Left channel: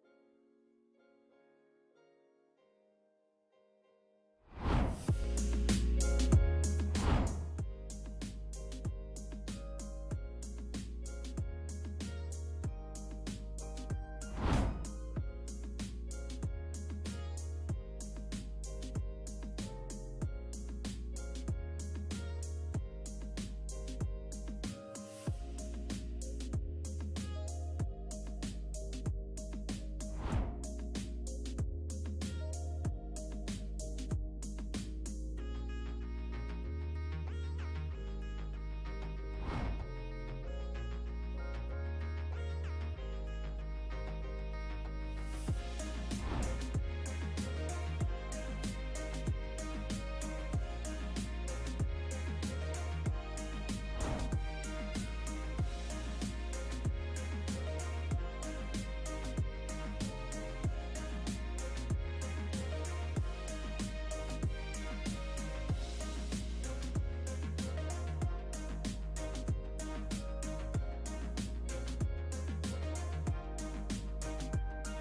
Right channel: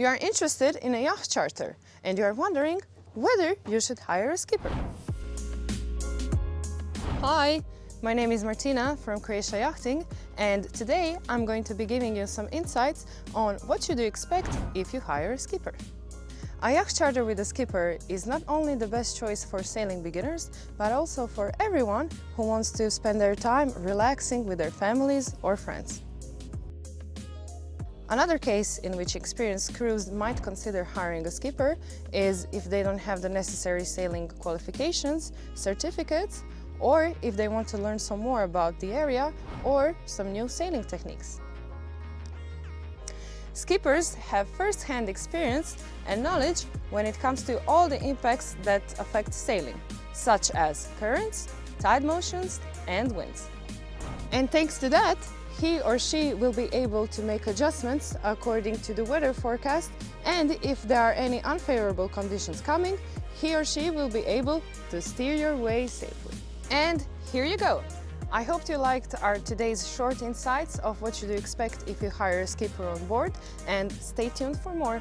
You are interested in a yacht charter and you are wondering whether you should hire a skipper. Hi, my name is Martina from Croatia Yachting, and today I'm going to be giving you some insights on what you do expect if you hire a skipper. A yacht charter with a skipper is not only the best choice for sailing beginners, but also for everyone who wants to spend their time relaxing with their families or friends. Another case in which experienced crews might consider hiring a skipper is if they don't have the necessary sailing qualifications, certificates, or if they want to learn some more about the area or some new sailing techniques. Skippers have first-hand experience and knowledge when it comes to all the impacts that affect sailing, such as currents, tide motions, and winds. And thanks to that, he or she will be able to make adjustments according to the weather forecast, and if there are any unfavorable conditions coming, he or she will be able to steer your way safely. And here you go! I hope you liked our today's short insights of what you do expect if you hire a skipper on board, and stay tuned for more!